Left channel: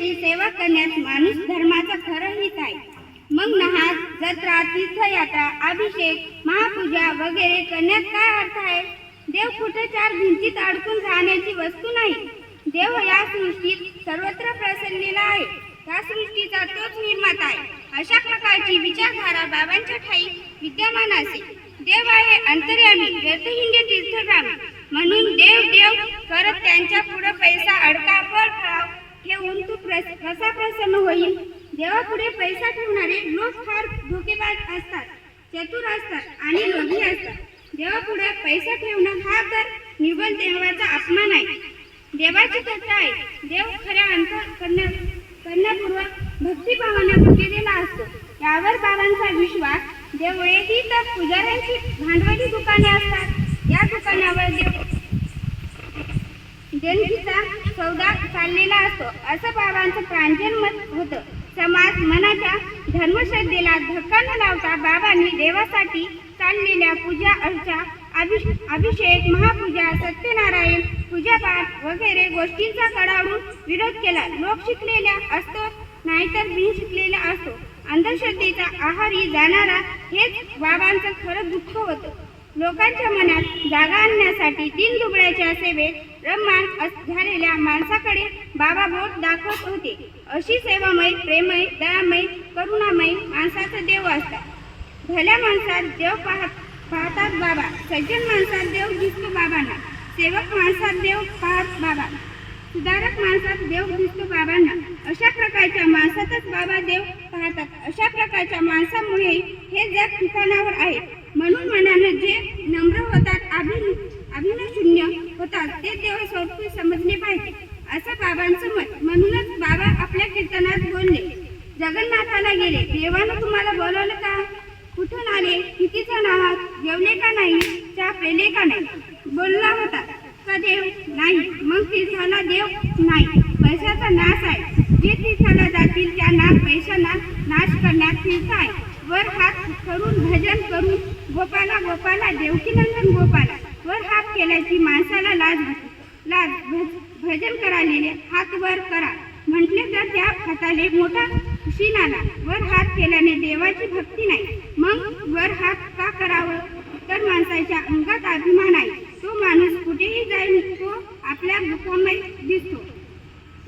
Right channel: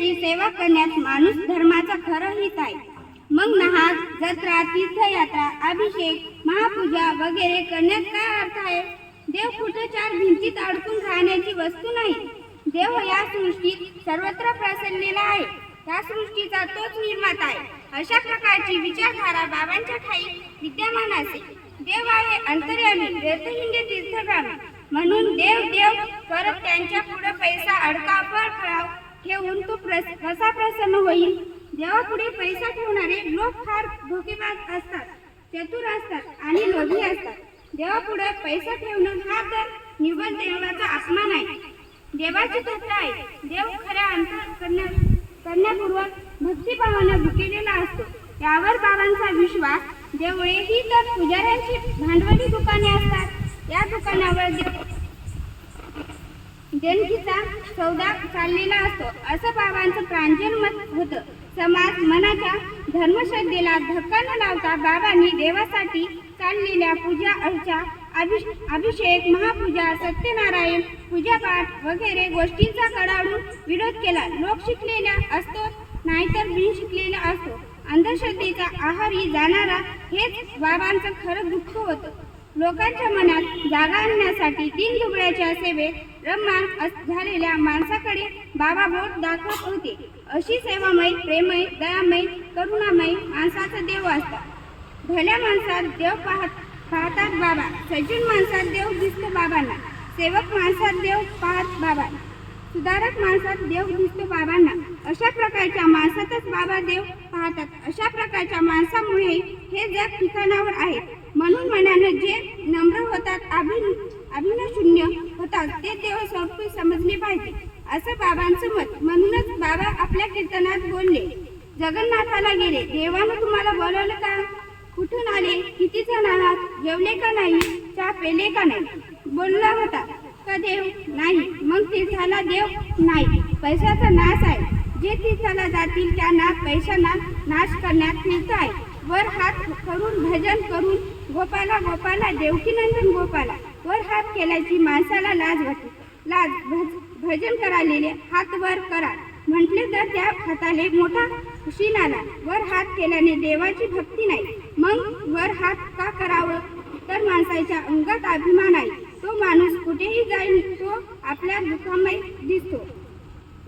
विठ्ठलाची सेवा करण्यात माणूस धर्माचा खरं हित आहे. मग नहास, जत्रा, तीर्थयात्रा, अभिषेक, महापूजा वगैरे करण्यात काय अर्थ आहे? देव कुठे चार भिंतीत अडकून राहण्याची वस्तू नाही. देव या सृष्टीत सर्वत्र पसरलेला आहे. त्या सृष्टीचा तोच निर्माता आहे. अशा प्रकारची विचारधारा बाबांच्या ठाई विद्यमान असेल. देव आहे अंतर्यामी, व्यर्थहिंडे तीर्थगामी. म्हणून देव देव करत त्यांच्या पुढे पैसा अडका फळाव ठेवून तो कसा प्रसन्न होईल? देवापुढे पैसा ठेवणारे लोक फार धोकेबाज असतात, चतुर असतात आणि लोभी असतात. देवापुढे पैसा ठेवणं हा तर निव्वळ देवाचा अपमान आहे. देवाची कथा आहे. देव खऱ्या करण्यापूर्वक भक्तिभावाने भुकेलेला असतो. यावर बाबांचा विश्वास. देवळे ही तर पुजाऱ्यांची भांडवली दुकाने असतात. या दुकानावर देणगीचा सौदा चाललेला असतो असं बाबांचं प्रांजल मत होतं. समाज मनाच्या धर्मश्रद्धेला धक्का न लावता बाबांनी देवासाठी चाललेल्या पूजा अर्चा, अभिषेक, महापूजा, सत्यनारायण पूजापाठ वगैरे गोष्टींचा कडाडून विरोध केला. लोक शिकलेला असतो नाहीतर बिन शिकलेला असतो. अंधश्रद्धेचा आहारी जाणारा हेच बाबांचं खरं दुःख होतं. लोकांच्या मनात जागा आणण्यासाठी दीनदुबळ्याच्या सेवेत रममाण झालेल्या माणसाकडे बाबा बोट दाखवत होते. अशी सेवामय, प्रेमय, दयामय, करुणामय माणसाचा देव असतात. भल्या माणसात देव पाहतात बाबा. सज्जन माणसात देव दिसतो बाबांना. सेवक माणसात देव पाहत बाबा. सुधारक माणसात देव दिसतो बाबांना. अशा प्रकारच्या माणसातच बाबा देव पाहतात. अशा प्रकारच्या माणसामुळे हे जग ठिकाणावर आहे. म्हणून मनानं जे नम्र होतात, अभिनशून्य होतात, ते देव स्वरूपी समजले पाहिजे असं बाबांचं मत. म्हणूनच बाबा आपल्या कीर्तनात बोलले, जगन्नाथाला गेले. देवानं तुम्हाला बोलवलं का? कुठून आले? किती जण आहात? जेवले का नाही? चहा पेले का नाही? बोलला होता का देव? नाही. मग तीर्थाला देव नाही. पैशाचा नाश आहे. जे तीर्थाला जातील त्यांना पैशांना नाश करण्यात तीर्थ आहे. वर हात करून भजन करून गोपाला गोपाला देवकीनंदन गोपाला वर हात केल्याची माणसाला लाज वाटते. भजन करालेले हात वर करा म्हटले तर त्या हाताले मोठा शीन आला. वर हात केल्याने देवाची भक्ती नाही. मग वर हात का करावं? तर माणसाच्या अंगात अभिमान आहे. तो माणूस कुठेही जाईल तो आपल्या दुःखामय दिसतो.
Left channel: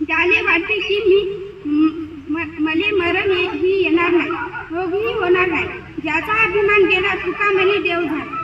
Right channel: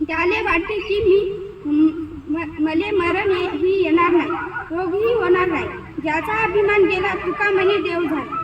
त्याले वाटते की मले मरण ही येणार नाही, रोगही होणार नाही. ज्याचा अभिमान गेला तुका म्हणे देव झाला.